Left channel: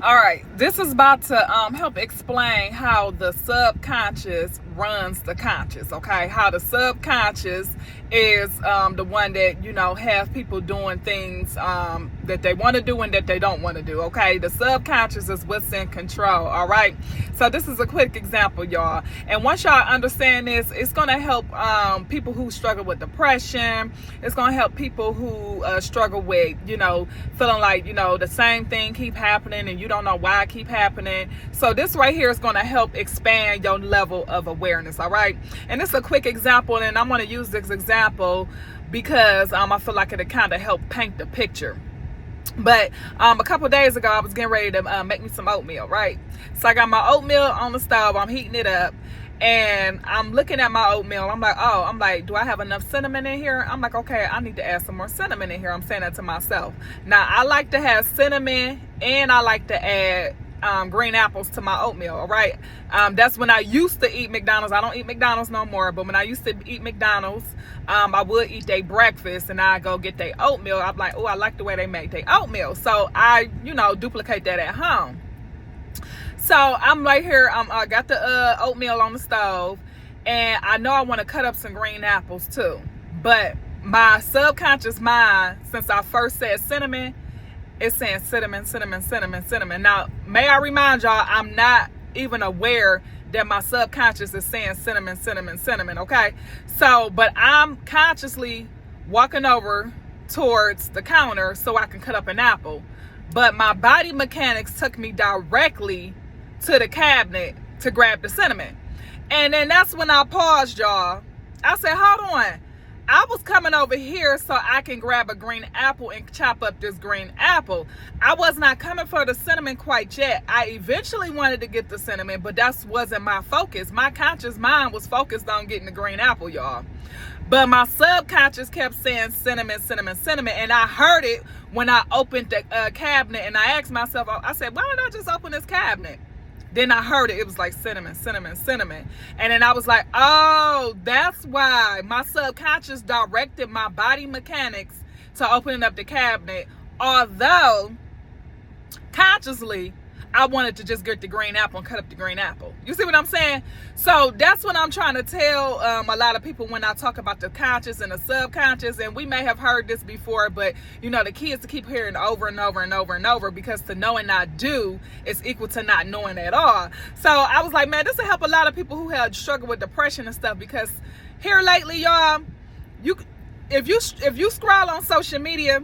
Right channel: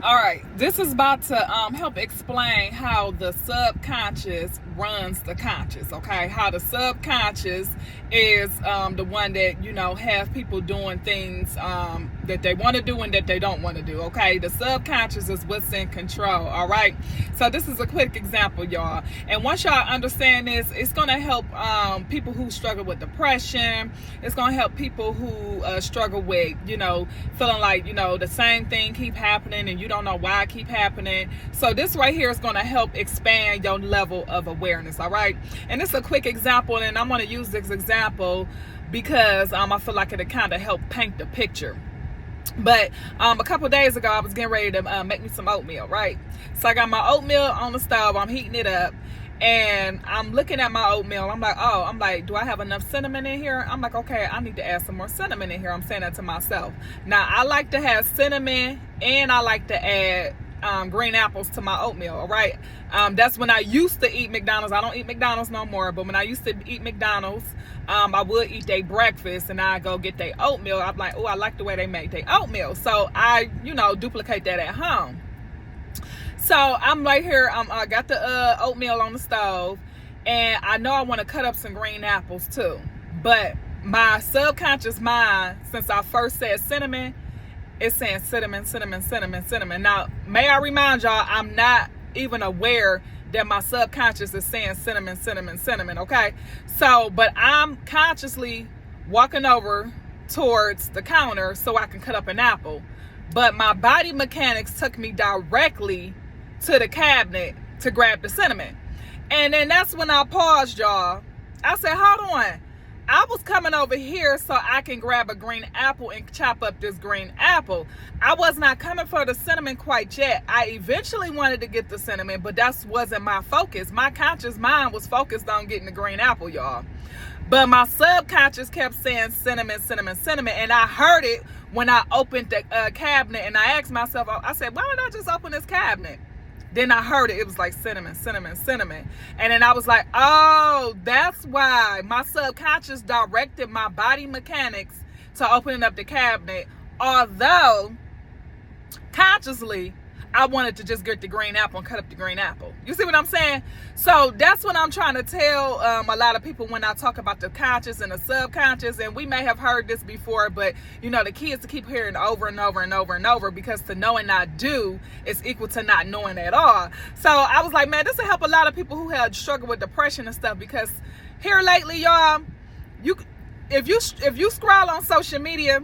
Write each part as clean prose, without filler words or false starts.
All right, this is about to help explain how the subconscious runs the conscious. Okay, how the subconscious is the one that have people doing things that they want to do and that they don't want to do. Okay, the subconscious is what's in control. All right, so this is a quick example, y'all. And once y'all understand this, it's gonna help people who struggle with depression. It's gonna help people who struggle with feeling like the same thing keep happening and you don't know why it keep happening. So this right here is going to help expand your level of awareness. All right, and it's a quick example, and I'm going to use this example because I feel like it'll kind of help paint the picture. But a couple days ago, I was getting ready to make me some oatmeal, right? So I got my oatmeal on the stove. I'm heating it up. And I'm looking at my oatmeal. I'm like, do I have enough cinnamon in here? I'm like, okay, I need to add some more cinnamon in here. I'm saying that to myself. Now, I like to have cinnamon and I like to add green apples to my oatmeal, all right? That's when I used to eat McDonald's. I don't eat McDonald's no more, but when I used to eat McDonald's, I would eat their breakfast and I go get their oatmeal. I'm like, oh, I like the way they make their oatmeal. So I, duplicate that at home. So I'm right here, I got the oatmeal on the stove, and I know I want to cut up some green apples too. But my subconscious mind, since I first said cinnamon, it's saying cinnamon, cinnamon, cinnamon, cinnamon. Now, may I remind y'all, I'm not even aware that my subconscious is saying cinnamon, cinnamon, cinnamon, okay? So, but I'm consciously walking over towards the counter so I can cut up an apple. But my body mechanics took me directly to the cabinet to grab the cinnamon. And then that's when I paused, y'all. I said, hold on. I was coming over here so I can grab a green apple and chop up this green apple. I was not coming for the cinnamon quite yet. I eventually wanted to get the cinnamon, but that wasn't my focus. My conscious mind was focused on getting the green apple, y'all. But my subconscious kept saying cinnamon, cinnamon, cinnamon. And I heard it when I opened the cabinet, and I asked myself, I said, why don't I just open this cabinet? Then I heard it. It was like cinnamon, cinnamon, cinnamon. And then I was like, oh, that's why my subconscious directed my body mechanics to opening up the cabinet. Although, consciously, I wanted to just get the green apple and cut up the green apple. You see what I'm saying? So that's what I'm trying to tell a lot of people when I talk about the conscious and the subconscious. And we may have heard this before, but the key is to keep hearing over and over and over and over, because to know and not do is equal to not knowing at all. So I was like, man, this will help a lot of people who have struggled with depression and stuff, because here lately, y'all, if you scroll on social media,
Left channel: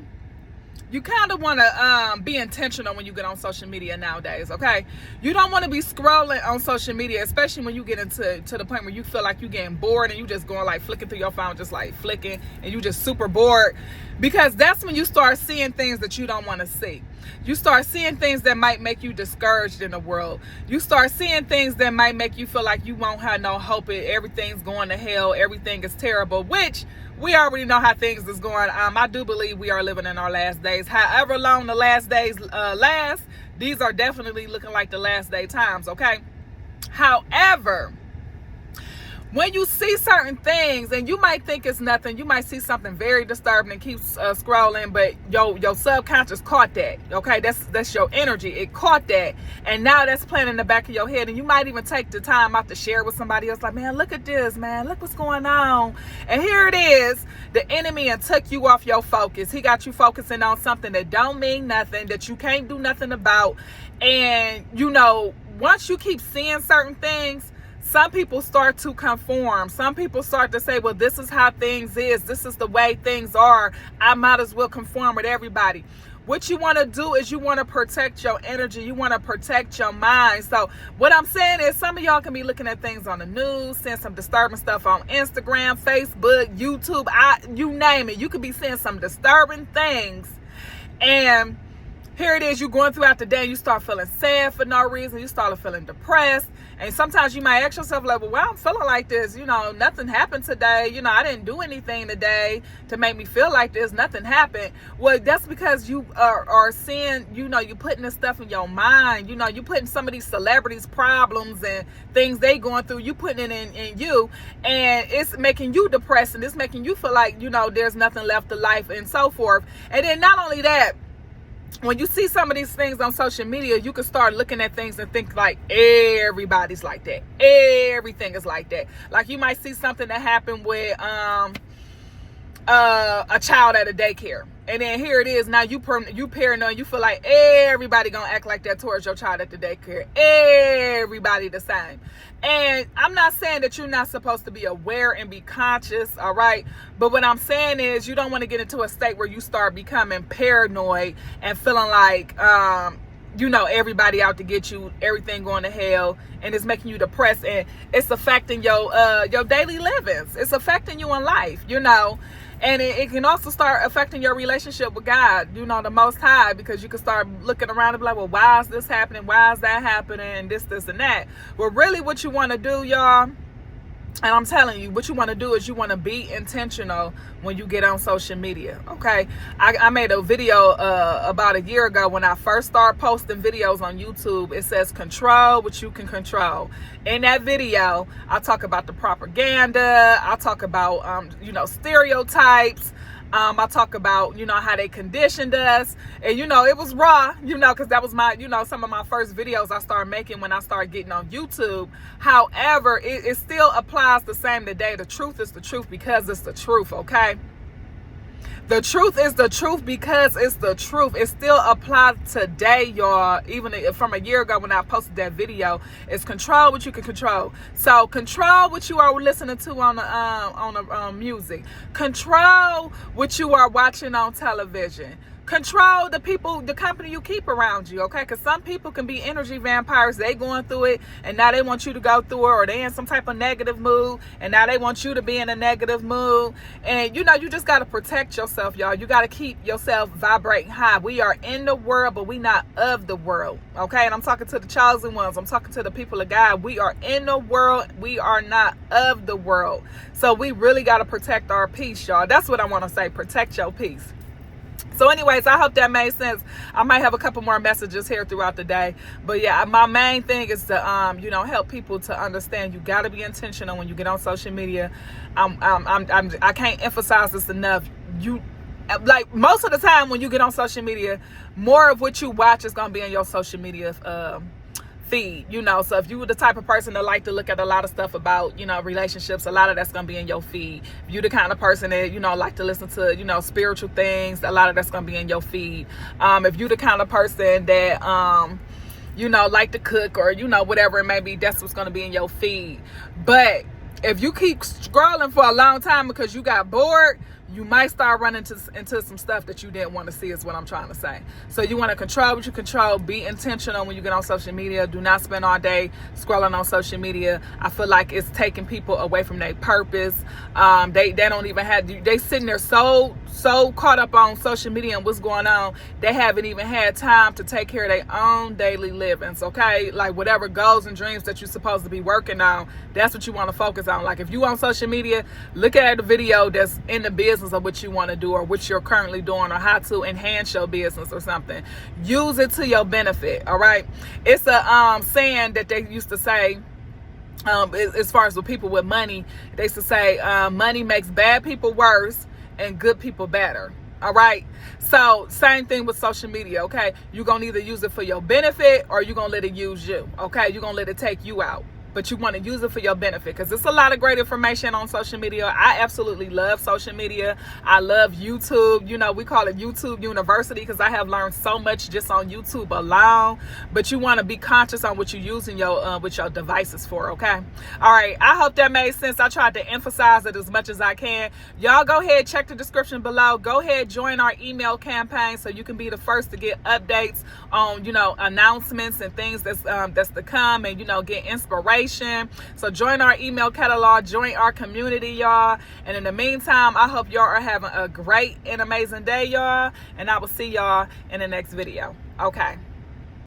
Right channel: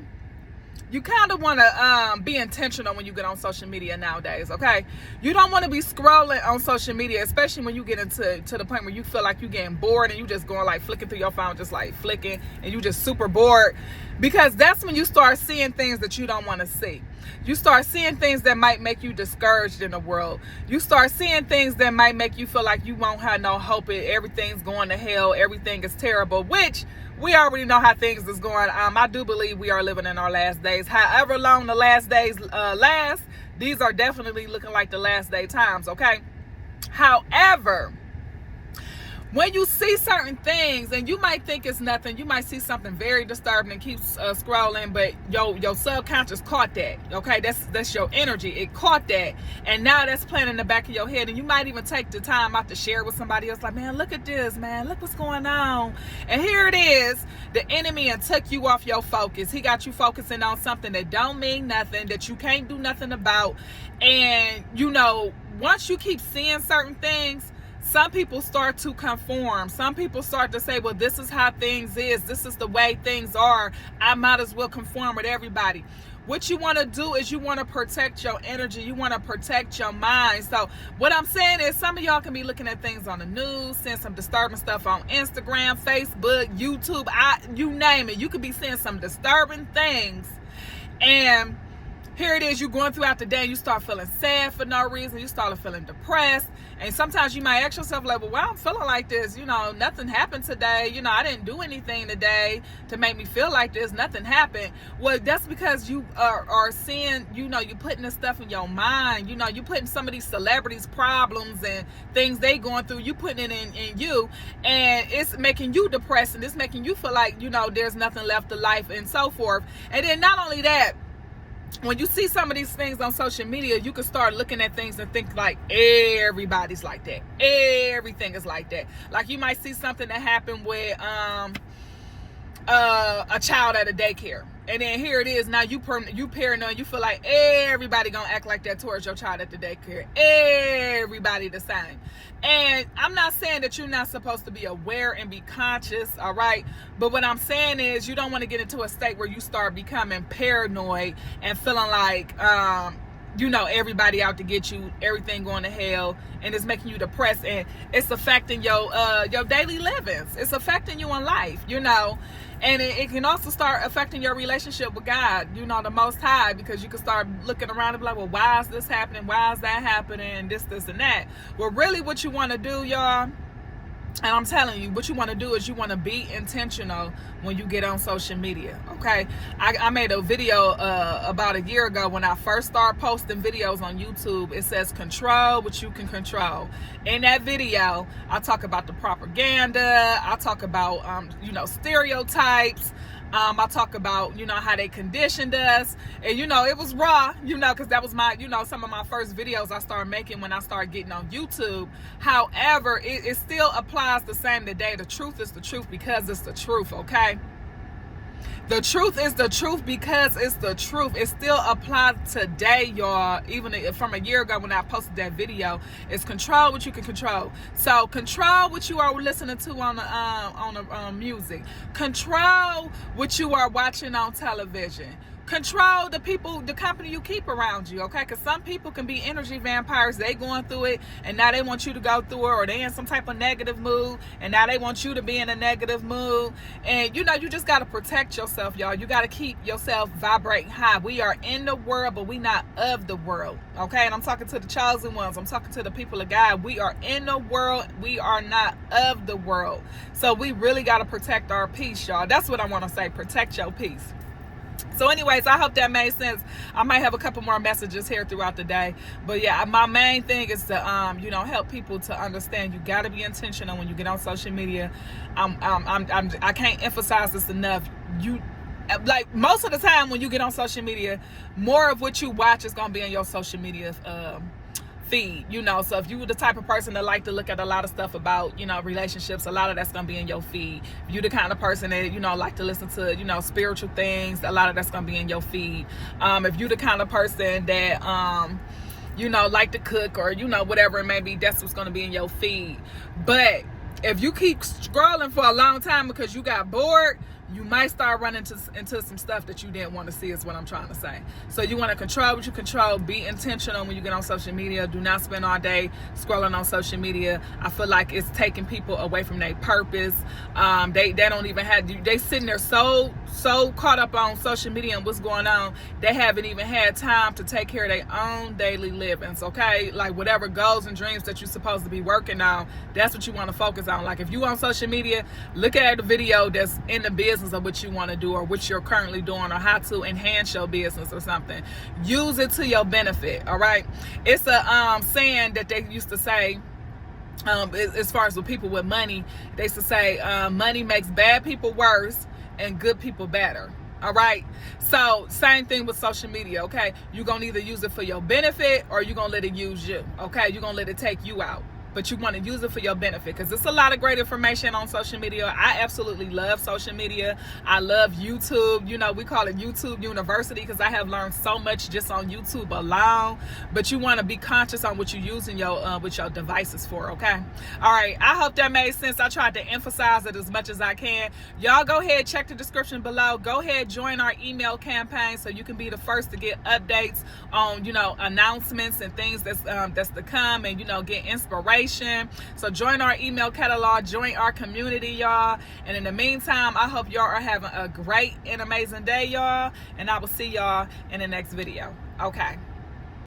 you kind of want to be intentional when you get on social media nowadays, okay? You don't want to be scrolling on social media, especially when you get to the point where you feel like you're getting bored and you just going like flicking through your phone, just like flicking, and you just super bored, because that's when you start seeing things that you don't want to see. You start seeing things that might make you discouraged in the world. You start seeing things that might make you feel like you won't have no hope. Everything's going to hell. Everything is terrible, which we already know how things is going. I do believe we are living in our last days. However long the last days last, these are definitely looking like the last day times, okay? However, when you see certain things, and you might think it's nothing, you might see something very disturbing and keep scrolling, but your subconscious caught that, okay? That's your energy. It caught that, and now that's playing in the back of your head, and you might even take the time out to share with somebody else, like, man, look at this, man, look what's going on. And here it is, the enemy, and took you off your focus. He got you focusing on something that don't mean nothing, that you can't do nothing about. And once you keep seeing certain things, some people start to conform. Some people start to say, well, this is how things is. This is the way things are. I might as well conform with everybody. What you want to do is you want to protect your energy. You want to protect your mind. So what I'm saying is, some of y'all can be looking at things on the news, seeing some disturbing stuff on Instagram, Facebook, YouTube, you name it. You could be seeing some disturbing things. And here it is, you're going throughout the day, and you start feeling sad for no reason. You start feeling depressed. And sometimes you might ask yourself, like, well, I'm feeling like this. Nothing happened today. I didn't do anything today to make me feel like this. Nothing happened. Well, that's because you are seeing, you're putting this stuff in your mind. You're putting some of these celebrities' problems and things they going through, you putting it in you. And it's making you depressed, and it's making you feel like, there's nothing left to life and so forth. And then not only that, when you see some of these things on social media, you can start looking at things and think like everybody's like that. Everything is like that. Like you might see something that happened with a child at a daycare, and then here it is now you paranoid. You feel like everybody gonna act like that towards your child at the daycare. Everybody the same. And I'm not saying that you're not supposed to be aware and be conscious, all right? But what I'm saying is you don't want to get into a state where you start becoming paranoid and feeling like, everybody out to get you, everything going to hell, and it's making you depressed, and it's affecting your daily livings. It's affecting you in life, and it can also start affecting your relationship with God, the Most High, because you can start looking around and be like, well, why is this happening? Why is that happening? And this, and that. Well, really what you want to do, y'all, and I'm telling you, what you want to do is you want to be intentional when you get on social media, okay? I made a video about a year ago when I first started posting videos on YouTube. It says control what you can control. In that video, I talk about the propaganda. I talk about, stereotypes. I talk about, how they conditioned us. And, it was raw, because that was my, some of my first videos I started making when I started getting on YouTube. However, it still applies the same today. The truth is the truth because it's the truth, okay? The truth is the truth because it's the truth. It still applies today, y'all. Even from a year ago when I posted that video, it's control what you can control. So control what you are listening to on the music. Control what you are watching on television. Control the company you keep around you, okay? Because some people can be energy vampires. They going through it, and now they want you to go through it, or they in some type of negative mood, and now they want you to be in a negative mood. And, you just got to protect yourself, y'all. You got to keep yourself vibrating high. We are in the world, but we not of the world, okay? And I'm talking to the chosen ones. I'm talking to the people of God. We are in the world. We are not of the world. So we really got to protect our peace, y'all. That's what I want to say. Protect your peace. So anyways, I hope that made sense. I might have a couple more messages here throughout the day. But yeah, my main thing is to, help people to understand you got to be intentional when you get on social media. I can't emphasize this enough. Like most of the time when you get on social media, more of what you watch is going to be in your social media feed, so if you were the type of person that like to look at a lot of stuff about, relationships, a lot of that's going to be in your feed. If you the kind of person that, like to listen to, spiritual things, a lot of that's going to be in your feed. If you the kind of person that, like to cook or, whatever it may be, that's what's going to be in your feed. But if you keep scrolling for a long time because you got bored, you might start running into some stuff that you didn't want to see, is what I'm trying to say. So you want to control what you control. Be intentional when you get on social media. Do not spend all day scrolling on social media. I feel like it's taking people away from their purpose. They don't even have, they sitting there so caught up on social media and what's going on, they haven't even had time to take care of their own daily livings, okay? Like whatever goals and dreams that you're supposed to be working on, that's what you want to focus on. Like if you on social media, look at the video that's in the business of what you want to do or what you're currently doing or how to enhance your business or something. Use it to your benefit, all right? It's a saying that they used to say, as far as with people with money, they used to say money makes bad people worse and good people better, all right? So same thing with social media, okay? You're going to either use it for your benefit or you're going to let it use you, okay? You're going to let it take you out. But you want to use it for your benefit because it's a lot of great information on social media. I absolutely love social media. I love YouTube. We call it YouTube University because I have learned so much just on YouTube alone. But you want to be conscious on what you're using with your devices for, okay? All right. I hope that made sense. I tried to emphasize it as much as I can. Y'all go ahead, check the description below. Go ahead, join our email campaign so you can be the first to get updates on, announcements and things that's to come and, get inspiration. So join our email catalog, join our community, y'all. And in the meantime, I hope y'all are having a great and amazing day, y'all. And I will see y'all in the next video. Okay.